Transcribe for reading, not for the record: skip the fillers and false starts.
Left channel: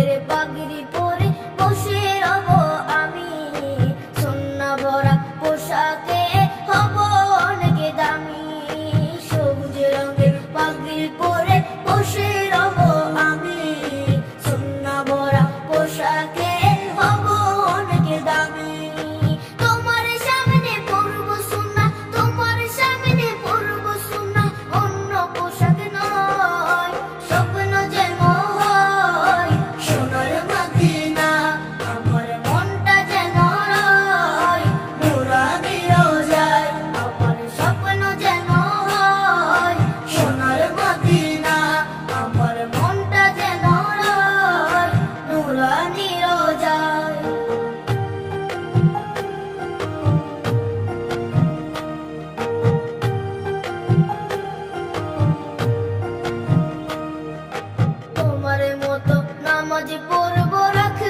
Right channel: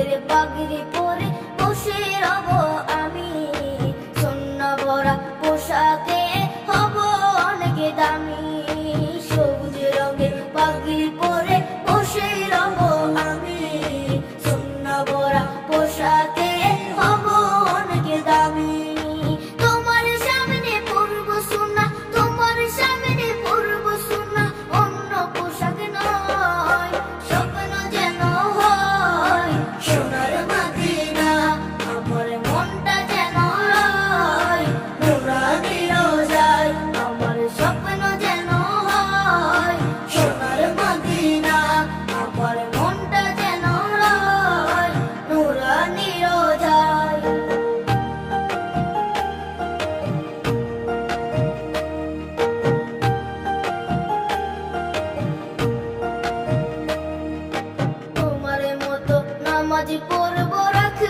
রঙের পাগড়ি পরে বসে রব আমি, সোনা ভরা পোশাকে হব অনেক দামি। সবুজ রঙের পাগড়ি পরে বসে রব আমি, সোনা ভরা পোশাকে হব অনেক দামি। তোমার সামনে পরব সোনা, তোমার সামনে পরব সোনা, অন্য পোশাক নয়, স্বপ্ন যেন হয় সোনার মদিনা। আমার মনটা যেন হয় নুরানি রোজায়, আমার স্বপ্ন যেন হয় সোনার মদিনা। আমার মনটা যেন হয় নুরানি রোজায়। তোমার মতো নামাজ পড়ব রাখব